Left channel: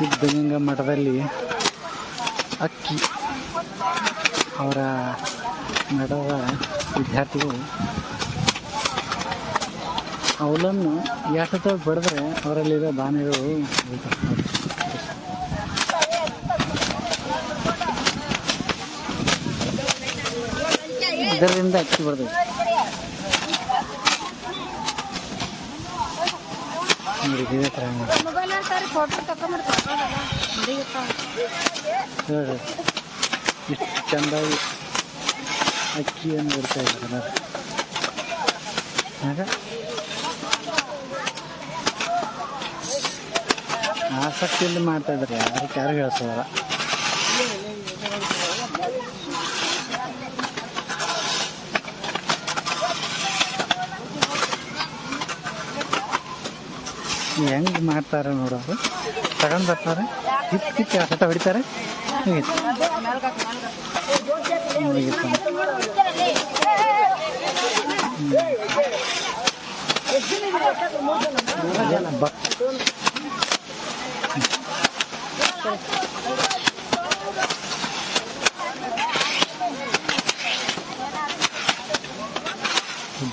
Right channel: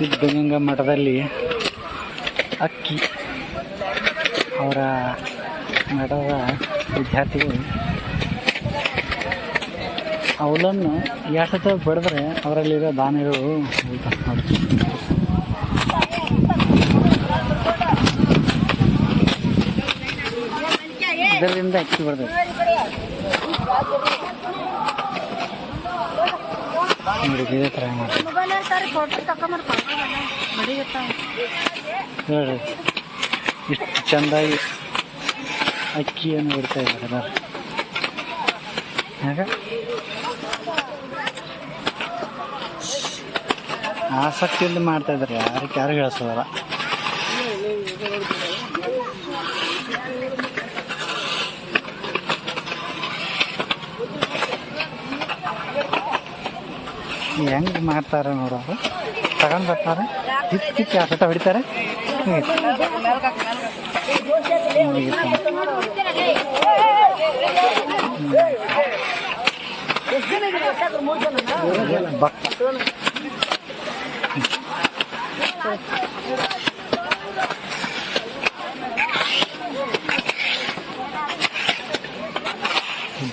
ಸಿದ್ಧಗಂಗಾ ಮಠದಲ್ಲಿ ಅಕ್ಕಿ ಅವರ ಮಠದ ವಿದ್ಯಾರ್ಥಿಗಳು ಅವಲನ್ನು ಎಷ್ಟು ಬಡಿದ್ರೆ ಅವರಲ್ಲಿರೋ ದಾನಿಗಳು ನೋಡಿ. ಇದರಿಂದ ಅಕ್ಕಿ ಬರ್ತದೆ ನೋಡಿ. ಇದೇ ಥರ ಮಾಡ್ತಾರೆ ಹೇಳ್ರಿ. ಇಷ್ಟು ಚೆಂದಾಗಿ ಅಕ್ಕಿಯನ್ನು ಬಿಡ್ತಾ ಇದ್ದಾರೆ ಎಲ್ಲರೂ. ಯಾಕೆ ಆಸಕ್ತಿಯಿಂದ ಮಾಡ್ತಾ ಇದ್ದಾರೆ, ಯಾರು ಹೇಳ್ಸೋದಲ್ಲ. ಹೆಂಗೆ ಮಾಡ್ತಾರೆ ನೋಡೋದು. ತಗೊಂಡು ಬರ್ತಾರೆ, ಕಿತ್ತು ಆಟ ಹೊಡಿತಾರೆ.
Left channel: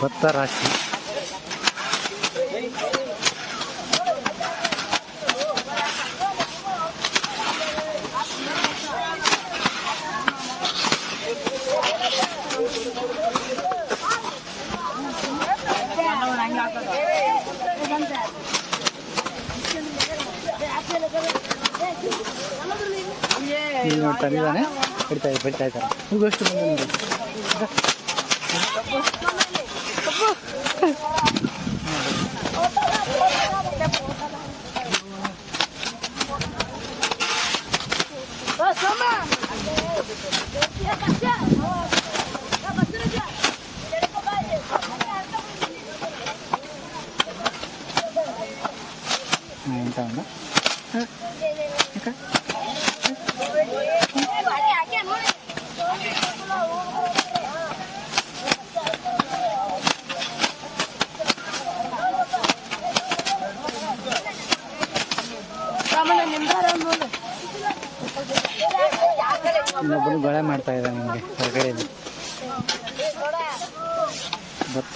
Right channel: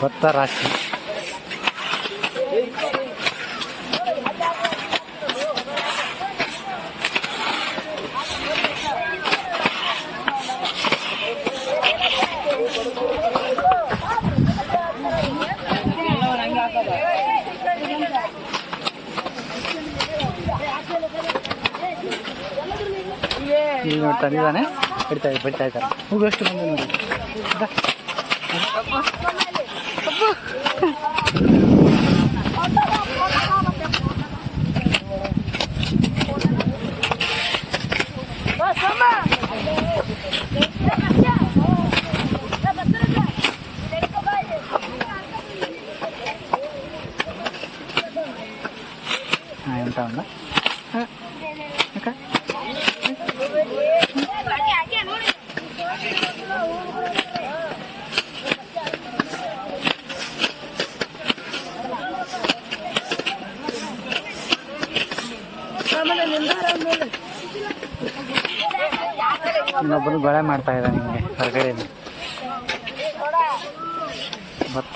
ಭತ್ತ ರಾಶಿ ಇಲ್ಲಿ ನೋಡಿ ತಂದಿದ್ದಾನೆ. ಬಿಡ್ತಾ ಇದ್ದಾರೆ. ಹೂವು ಎಷ್ಟು ಬಂದು ನೋಡಿ. ಎಂತ ಉಂಡ ಅಕ್ಕ ಇನ್ನೊಬ್ಬರು ಗೊಳೆ ಮಾಡ್ತಾ ಇದ್ದಾರೆ ನಿಮಗೆ ಹೊರಗಡೆಯಿಂದ. ಭತ್ತ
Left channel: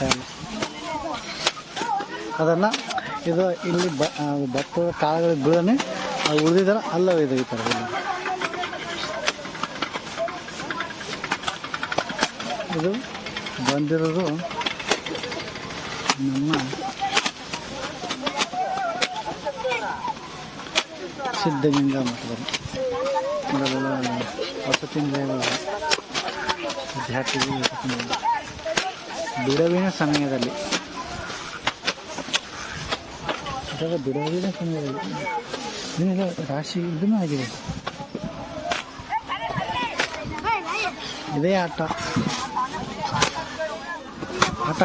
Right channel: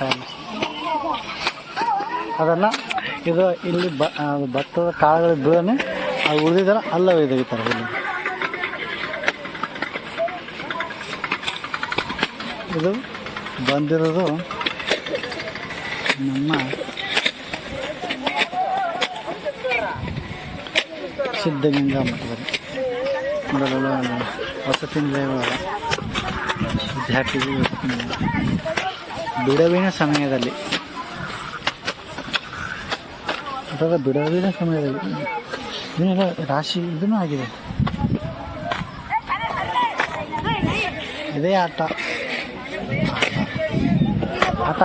ಅದನ್ನು ಇದು ಇಲ್ಲಿ ಭತ್ತದ ಕಾಳುಗಳು ಬೀಳನೆ ಉಳಿದಿದ್ದಾರ ಅಲ್ಲ ಒಯ್ದೊಗಿತಾರೆ. ಇಲ್ಲಿ ಇದು ಬಂದಿರೋದು ನಮ್ಮ ಸಿದ್ಧಗಂಗಾ ಮಠದಲ್ಲಿ ಮೊದಲ ವಸತಿ ನಿಲಯಗಳ ವಿದ್ಯಾರ್ಥಿಗಳು ಬಿಡುವಿನ ಸಮಯದಲ್ಲಿ ಅಥವಾ ಬಿಡುವಿನ ಸಮಯದಲ್ಲಿ ಇದನ್ನೆಲ್ಲ ರಾಶಿ ಇದೂ ಆಗಿದೆ. ಇದೇ ಆಟ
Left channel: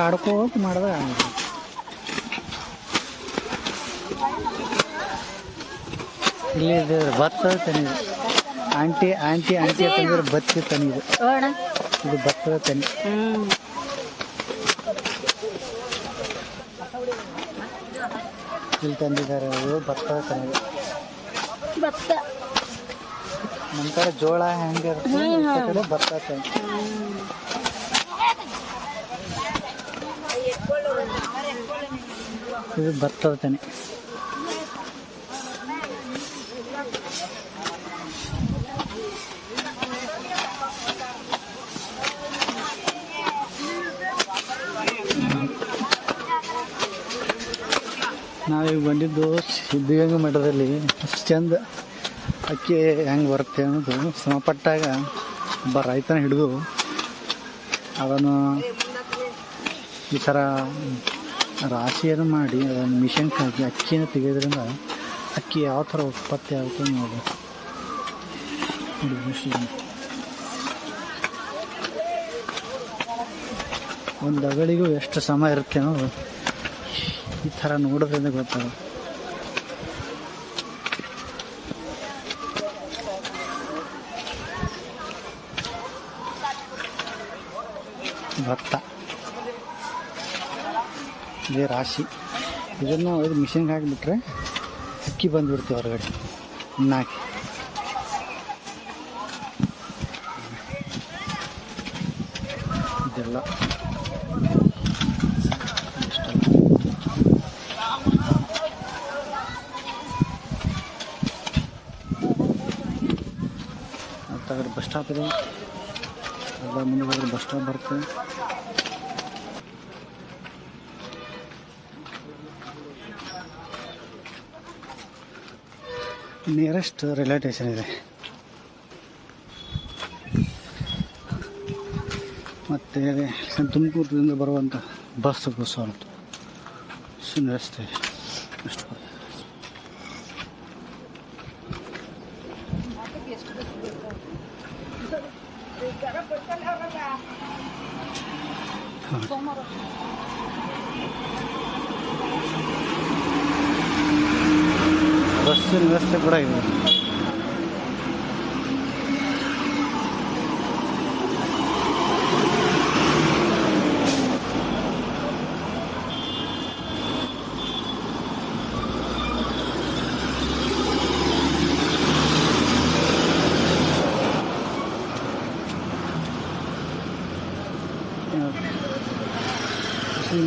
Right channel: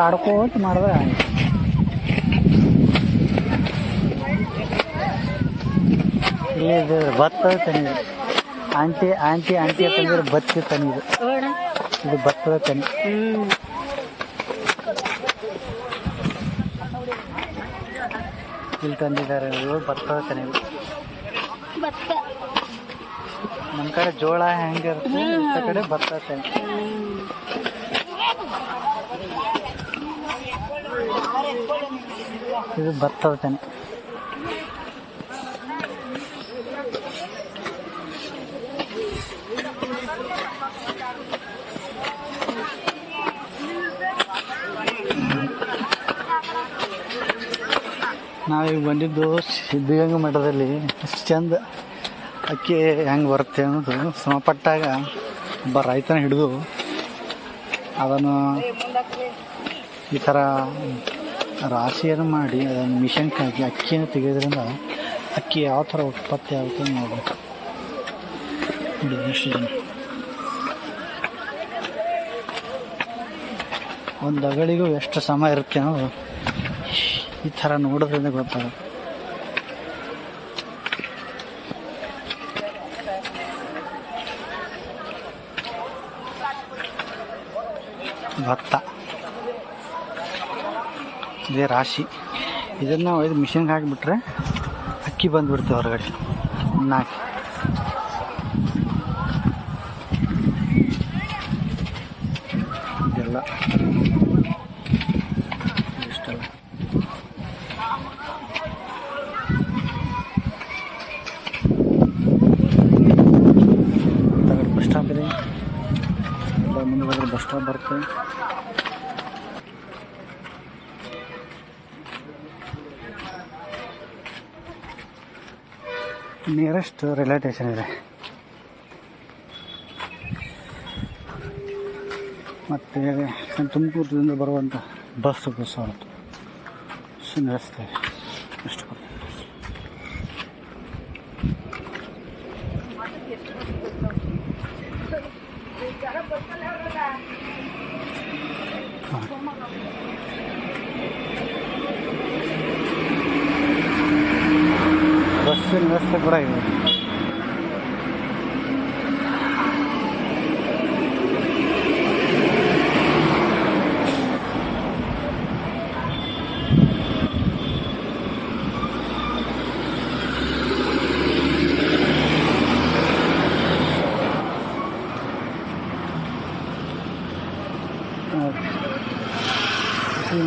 ಆಡ್ಕೋತ ಮಾಡಿದ್ರೆ ಇಲ್ಲಿ ಇದು ಭತ್ತದ ತನಿ. ಆಂಟಿ ಅಂತಂದ್ರೆ ಭತ್ತ ತನಿ. ಇದು ಭತ್ತದ ತನಿ. ಇಲ್ಲಿ ತಂದಿದ್ದಾರೆ. ಇದು ಭತ್ತದ ತನಿ. ನಮ್ಮ ಕಡೆ ಜೋಳ ಹೆಂಗಿರುತ್ತೆ, ಈ ಕಡೆ ಭತ್ತದ ತನಿ. ಇದು ಭತ್ತದ ತನಿ. ನಾವೀಗ ಬಂದಿದ್ದು ಸಿದ್ಧಗಂಗಾ ಮಠದಲ್ಲಿ ಅಷ್ಟು ಚಂದ ಅಕ್ಕಿ ಹೆಂಗೆ ಬರುತ್ತೆ ಅನ್ನೋದು ಸಮಪಟ್ಟಾಗ ಒಬ್ಬ ರೈತನ ಹಿಡಿದು ಅದನ್ನು ಈ ಥರ ರಾಶಿಯನ್ನು ಮಾಡಿ ಅದನ್ನು ಮಿಷನ್ಗೆ ಹಾಕಿ ಅಕ್ಕಿಯನ್ನು ತೆಗೆಯೋದ್ರಿಂದ ಅಕ್ಕಿ ಯಾವ ಥರ ಉತ್ಪತ್ತಿ ಆಗುತ್ತೆ ನೋಡಿ. ಒಂದು ಅಗಳಿಗೂ ಎಷ್ಟು ಸಮಯ ಇರುತ್ತೆ ಅನ್ನೋದು ಈ ಥರ ನೋಡೋದ್ರಿಂದ ಗೊತ್ತಾಗುತ್ತೆ. ಭತ್ತ ಇದೇ ರಾಶಿ. ಇದನ್ನು ಒಯ್ದು ಮಿಷನ್ಗೆ ಹಾಕಿಬಿಟ್ರೆ ಅಕ್ಕಿ ಬಂದುಬಿಡ್ತೀವಿ ಹೊರಗಡೆ. ನಾಲ್ಕು. ಇದೆಲ್ಲ ಇಷ್ಟಲ್ಲ. ತಗಡು ಬಸ್ ಸ್ಟಾಪ್ ಇದೆ. ಮುಂದೆ ಬಸ್ ಸ್ಟಾಪ್ ಬರುತ್ತೆ. ನಿಯರೆಸ್ಟ್ ರೈಲ್ವೆ ಸ್ಟೇಷನ್ ಇದೆ. ಮತ್ತು ತುಮಕೂರಿನಿಂದ ಬರುವಂಥ ಬಸ್ಸು ಅಂತ ರಸ್ತೆ ಅಷ್ಟು. ಬಸ್ಸಿನ ವ್ಯವಸ್ಥೆ ಕೂಡ ಇದೆ.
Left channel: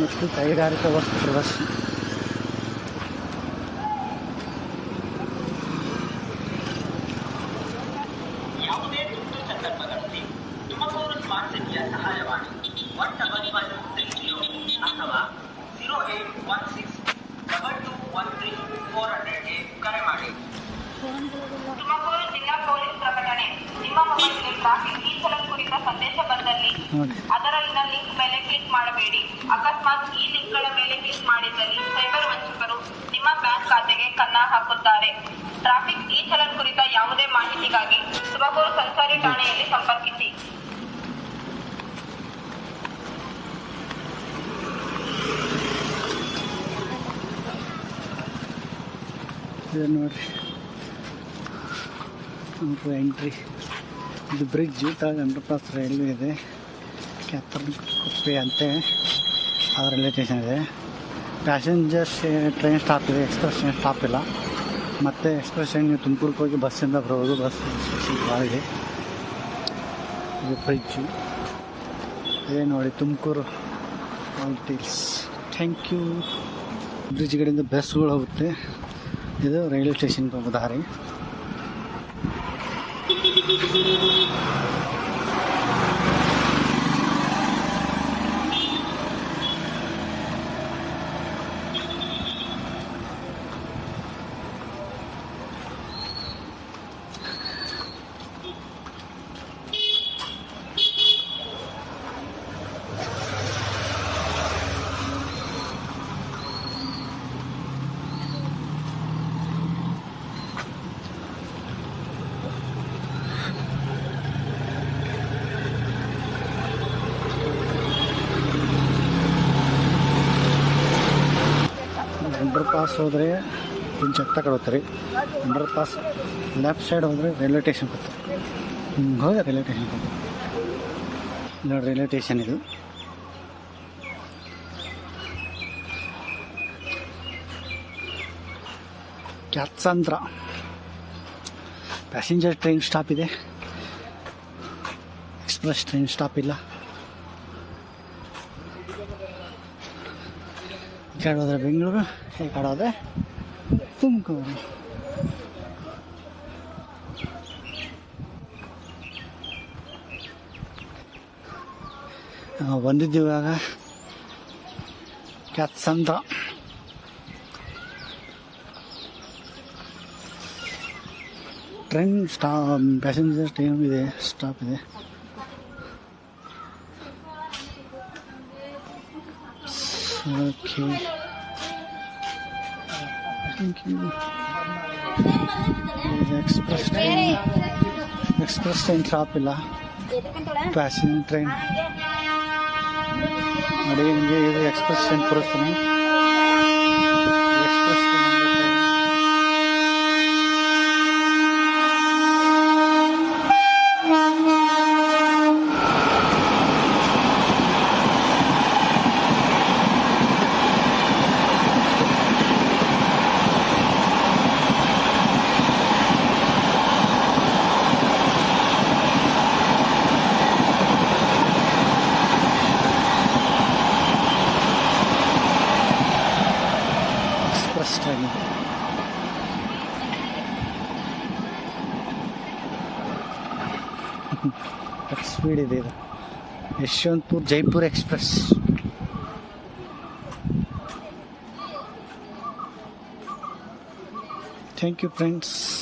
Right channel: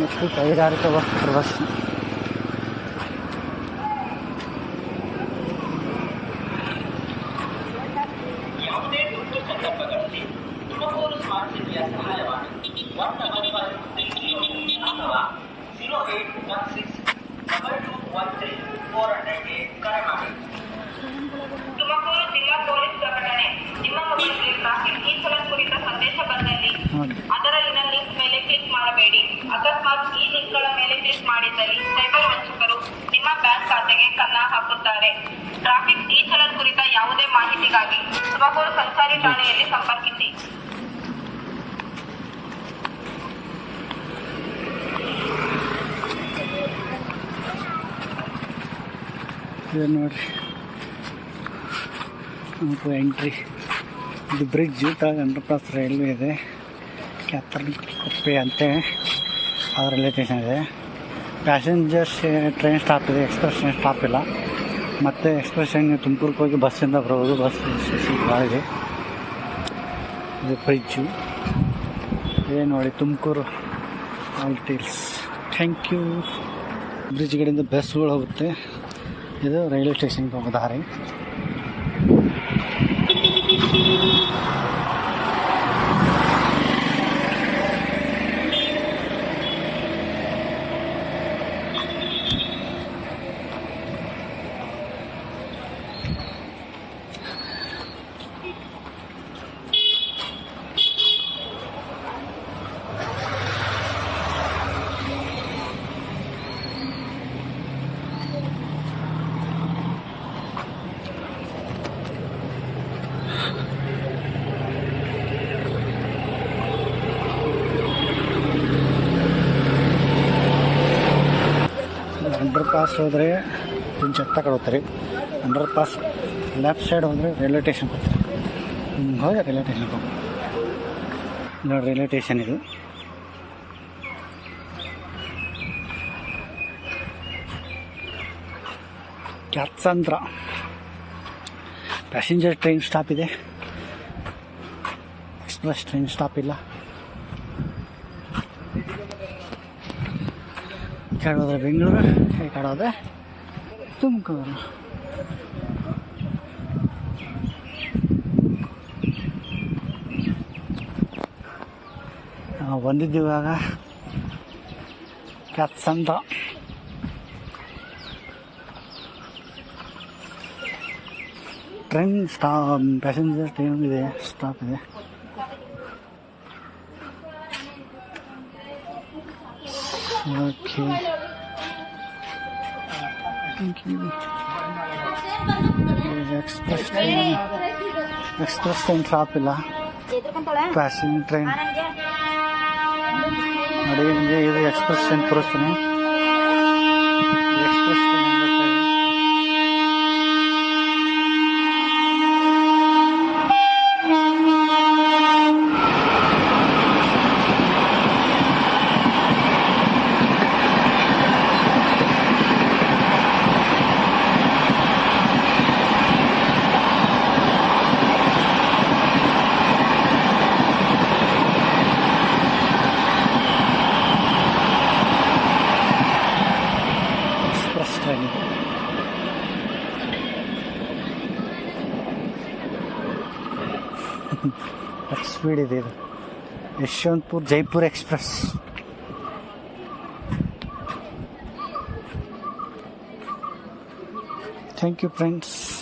ಮತ್ತು ಕೈಗಾರಿಕಾ ವಸ್ತು ಪ್ರದರ್ಶನ. ತುಮಕೂರು ಜಿಲ್ಲಾ ಪೊಲೀಸ್ ಪ್ರಕಟಣೆ. ನಿಮ್ಮ ಮೊಬೈಲ್ಗೆ ಟ್ರಾಫಿಕ್ ಈ ಚಲನ್ ಕುರಿತ ಸಂದೇಶ ಬಂದಲ್ಲಿ ಅದರಲ್ಲಿನ ಲಿಂಕ್ ಮೇಲೆ ಕ್ಲಿಕ್ ಮಾಡಬೇಡಿ. ಅಕಸ್ಮಾತ್ ಈ ಲಿಂಕ್ಗಳ ಮೇಲೆ ಕ್ಲಿಕ್ ಮಾಡಿದ್ದಲ್ಲಿ ಸೈಬರ್ ವಂಚಕರು ನಿಮ್ಮ ಬ್ಯಾಂಕ್ ಖಾತೆಗೆ ಕನ್ನ ಹಾಕುತ್ತಾರೆ. ಟ್ರಾಫಿಕ್ ಈ ಚಲನ್ ಕುರಿತ ಯಾವುದೇ ಮಾಹಿತಿಗಾಗಿ ತುಮಕೂರು ಸಂಚಾರಿ ಠಾಣೆಯಲ್ಲಿ ಸಂಪರ್ಕಿಸಿ. ನೋಡ್ರಿ ಎಂಟ್ರಿ. ಇದು ಬ್ರಿಡ್ಜ್ ತಳಗ ಅಂಡರ್ಪಾಸ್ ರೈಲ್ವೆ ಇದೆ. ಕ್ಯಾತರ್ಕೊಪ್ಪೆ ಅಂತೆ ಆ ರೈಲ್ವೆ ಸ್ಟೇಷನ್ ಇದೆ. ಪ್ಯಾಸೆಂಜರ್ಸ್ ಟ್ರೈನ್ ಸ್ಟಾಪ್ ಇದೆ, ಎಕ್ಸ್ಪ್ರೆಸ್ ಟ್ರೈನ್ ಸ್ಟಾಪ್ ಇಲ್ಲ. ಮತ್ತು ಎಕ್ಸ್ಪ್ರೆಸ್ ಟ್ರೈನ್ ನೀವು ತುಮಕೂರಿಗೆ ಹೋಗಿ ಬಸ್ಸಿಂದ ಬರ್ಬೋದು. ಬಸ್ ಭಾಳ ಇದೆ. ಇದು ಬ್ರಿಡ್ಜು ಇದೇ ನೋಡಿ, Tumakuru all details. Thank you. Bridge ಕಡೆಯಿಂದ ಬಸ್ಗಳು ಹೋಗುತ್ತೆ. ಇದು ರೈಲ್ವೆ ಸ್ಟೇಷನ್ಗೆ ಹೋಗೋ ದಾರಿ. ಅಂಡರ್ ಪಾಸ್ ಹೋದರೆ ಚೆತ್ತ ಕಡೆ ಅಂಡರ್ ಪಾಸ್ ಲೆಫ್ಟ್ ಸೈಡ್ ಹೋದರೆ ರೈಲ್ವೆ ಸ್ಟೇಷನ್ ಬರ್ತಾರೆ. ಹೋಗಿ ರೈಲ್ವೆ ಸ್ಟೇಷನ್ಗೆ ಹೋಗಿ ನೋಡಿ, ರೈಲ್ವೆ ಸ್ಟೇಷನ್ ಇದು. ಕ್ಯಾತ್ಸಂದ್ರ ಪ್ಯಾಸೆಂಜರ್ ಟ್ರೈನ್ ಸ್ಟಾಪ್ ಇದೆ, ಎಕ್ಸ್ಪ್ರೆಸ್ ಟ್ರೈನ್ ಸ್ಟಾಪ್ ಇಲ್ಲ. ಈ ಕಡೆ ಹೋದರೆ ಬೆಂಗಳೂರು, ಈ ಕಡೆ ಹೋದರೆ ತುಮಕೂರು. ನಾವು ಬಂದಿದ್ದೀವಿ ಇವಾಗ ಕ್ಯಾತ್ಸಂದ್ರ. ಟ್ರೈನ್ ಪ್ಯಾಸೆಂಜರ್ ಟ್ರೈನ್ ಇದೆ, ಸ್ಟಾಪ್ ಇದೆ. ಓಕೆ, ಎಕ್ಸ್ಪ್ರೆಸ್ ಟ್ರೈನ್ ಸ್ಟಾಪ್ ಇಲ್ಲ. ಪ್ಯಾಸೆಂಜರ್ ಟ್ರೈನ್ ನೋಡಿ, ನಿಮಗೆ ಇದು ಎಕ್ಸ್ಪ್ರೆಸ್ ಟ್ರೈನ್ ತೋರಿಸ್ತೀನಿ. ಎಕ್ಸ್ಪ್ರೆಸ್ ಟ್ರೈನ್ ಎಷ್ಟು ಸ್ಪೀಡ್ ಇದೆ ಇದು. Yeshwanthpur Jaipur express. Thank you friends.